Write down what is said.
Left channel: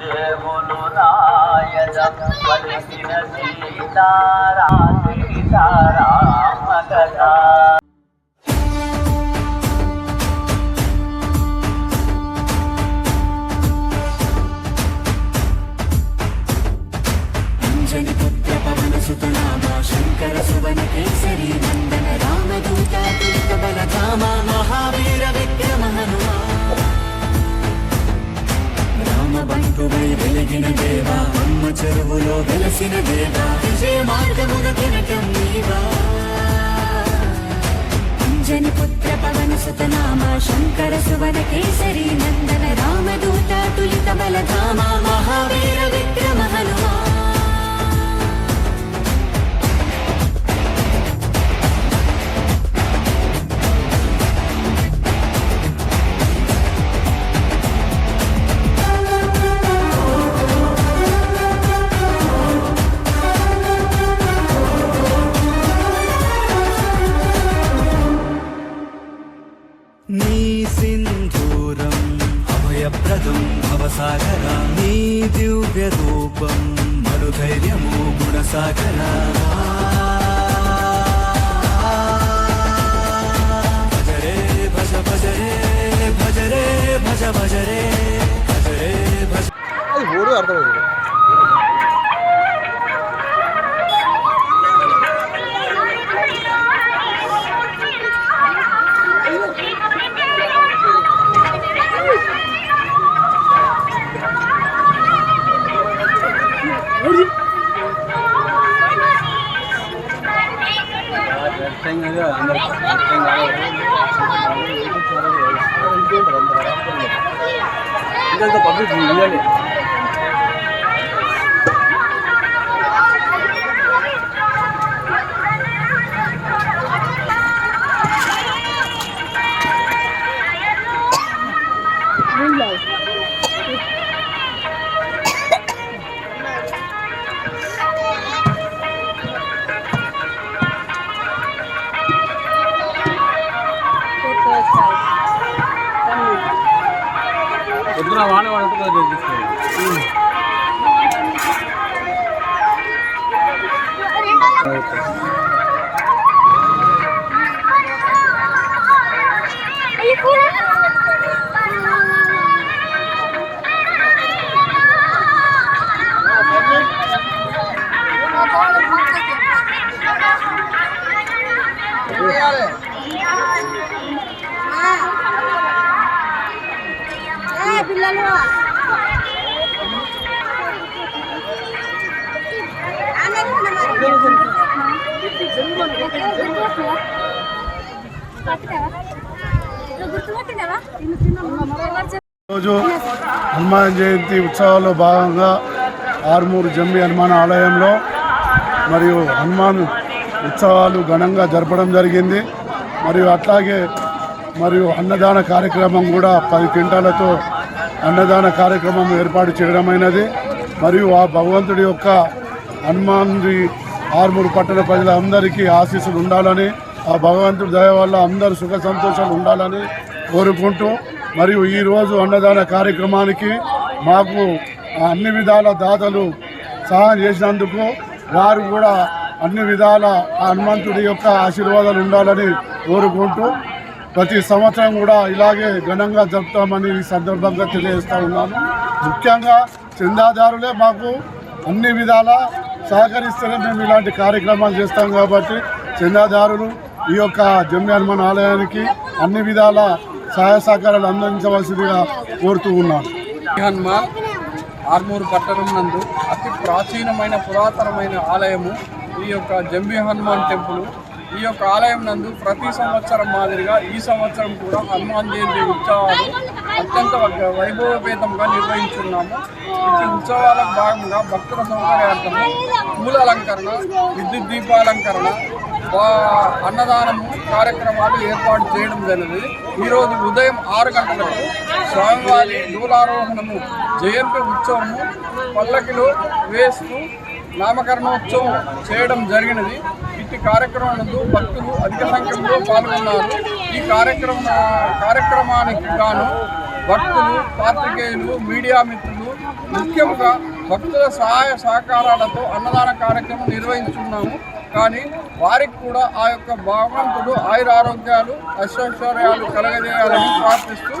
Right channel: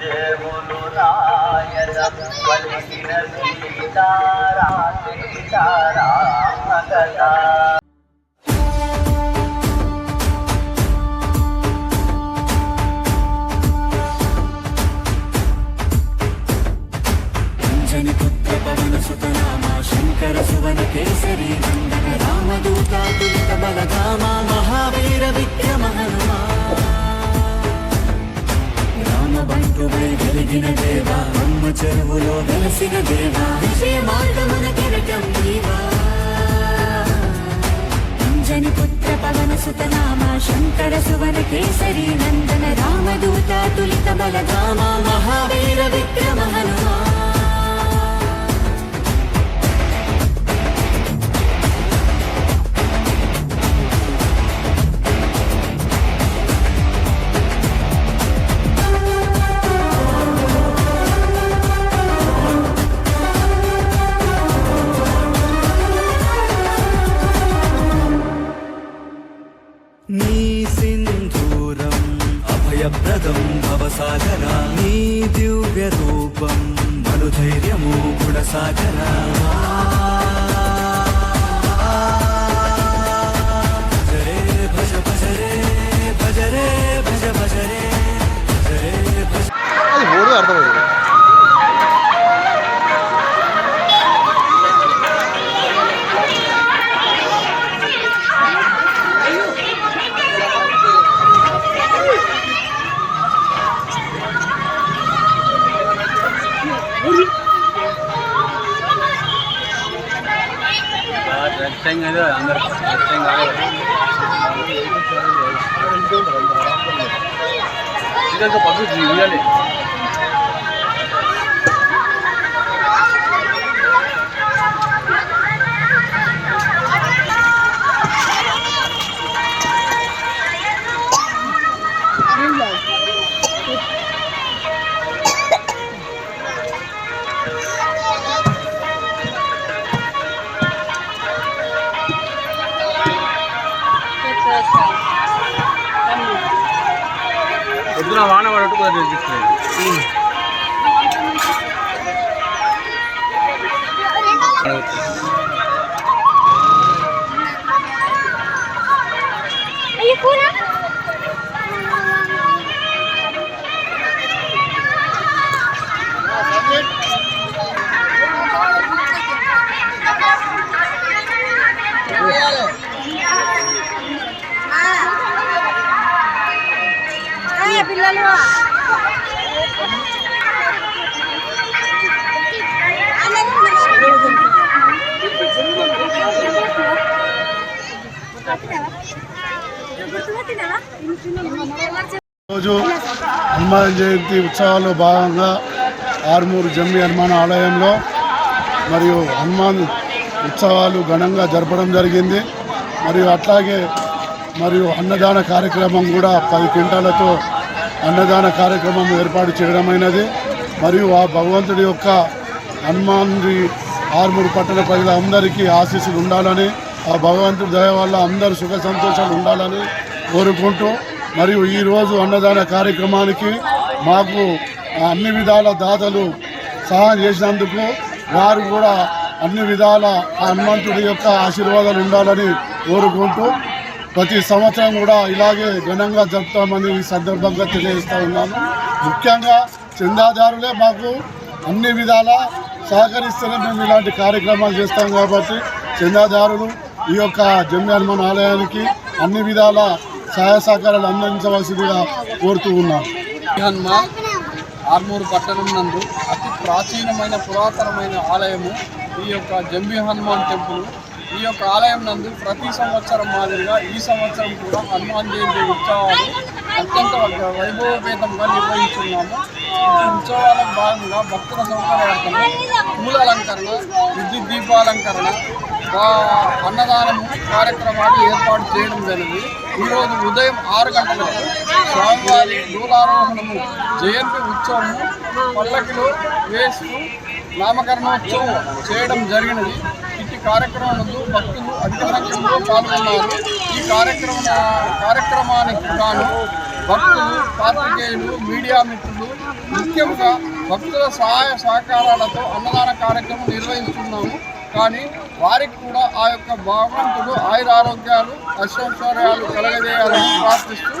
దేవులు రాయద పలికిన సీతారా సీతారామ కదా పుత్ర పవన సుతనామ శంకర సువన కేసరి రంగ రామ బంటువై వెలిగిన దేవా అమ్మ చెరువులో వెలసిన దేవా. మార్గమున కిరటం నీవా. అంజని పుత్ర పవన సుతనామ శంకర సువన కేసరి నందన రామదూత తులిత బలధామ మహావీర విక్రమ హనుమా అభయప్రదం భవసాగరా నీ దివ్య రూపం మనుధైర్యము గుణసాగరా. అది ఓడు అర్థమైంది. భజ రే భజ భజ రే అది ఓడు అర్థమైంది ఇంకా పబ్లిక్ ఇవ్వాలి పొద్దున వాన పడట్టు కొద్దిగా తీసుకున్నాను పిల్లలు. రోజు హనుమాన్ జయంతి ఉత్సవాల్లో భాగంగా ఆరుమూరు జమ్మి హనుమాన్ ఆలయంలో మరియు హనుమాన్ ఉత్సవాలు ఘనంగా జరపడం జరిగింది. మరియు అట్లాగే మరియు అన్నదాన కార్యక్రమం కూడా పది క్వింటాలతో అన్నదాన కార్యక్రమం ఏర్పాటు చేయడమైనది. మరియు ఆ భగవంతుడి యొక్క హనుమాన్ది ఆర్మూరు పట్టణ ప్రజల అందరికీ ఆశీస్సులు ఉండాలని ఆ భగవంతుడి దయ వల్ల అందరూ సుఖ సంతోషాలు ఉండాలని కోరుకుంటూ మరియు ఈరోజు అన్నదాన కార్యక్రమానికి మాకు అన్ని విధాల దాతలు సహాయం చేసినందుకు వారు కూడా అన్ని విధాల ఆ హనుమంతుడి యొక్క ఆశీర్వాదాలు ఉండాలని కోరుకుంటూ ప్రతి సంవత్సరం కూడా ఇలాగే ఘనంగా జరుపుతామని ఈ సందర్భంగా తెలియజేస్తూ ఉన్నాను. ముఖ్యంగా చందాదారులే మాకు అన్ని విధాల సహకరిస్తేనే మేము ఇలాంటి కార్యక్రమాలు చేస్తాం కాబట్టి చందాదారులు ఈ యొక్క జమ్మి హనుమాన్ ఆలయానికి అన్ని విధాల సహాయ సహకారాలు అందించవలసిందిగా కోరుతూ ఉన్నాను. హనుమాన్ ఆర్మూరు పట్టణం నందు అతి ప్రాచీనమైన పురాతనమైన ఆలయము ఈ యొక్క జంబి హనుమాన్ టెంపుల్. ఈ యొక్క ఆలయం నందు ప్రతి సంవత్సరం మాదిరిగా ఈ సంవత్సరం కూడా హనుమాన్ జయంతి ఉత్సవాలు అత్యంత వైభవపేతంగా నిర్వహించున్నాము. ఈ ఉత్సవాలకు భాగంగా భక్తుల సౌకర్యార్థము పూల అలంకరణ విద్యుత్ దీపాలంకరణ అన్నదానము కార్యక్రమాలు ఏర్పాటు చేయడం జరిగింది. ఈరోజు ఉదయం ఆరు గంటలకు స్వామివారి దూలారోహణము జయంతి ఉత్సవము పల్లకిలో వేస్తూ నామకరణోత్సవం చేయడం జరిగినది. ఈ కార్యక్రమం భక్తులు అధిక సంఖ్యలో పాల్గొన్నారు. ఈ కార్యక్రమ కార్యక్రమానికి గాను భక్తులు పాత్రికేయులు మీడియా మిత్రులు ముఖ్యంగా భక్తుల సహాయ సహకారాలతో అన్నదాన కార్యక్రమం నిర్వహిస్తున్నాము. కానీ వారికి కూడా ఆ యొక్క భగవంతుడు ఆయుర ఆరోగ్యాలు అశ్వశ్వర్యాలు కలగజేయాలని ప్రార్థిస్తూ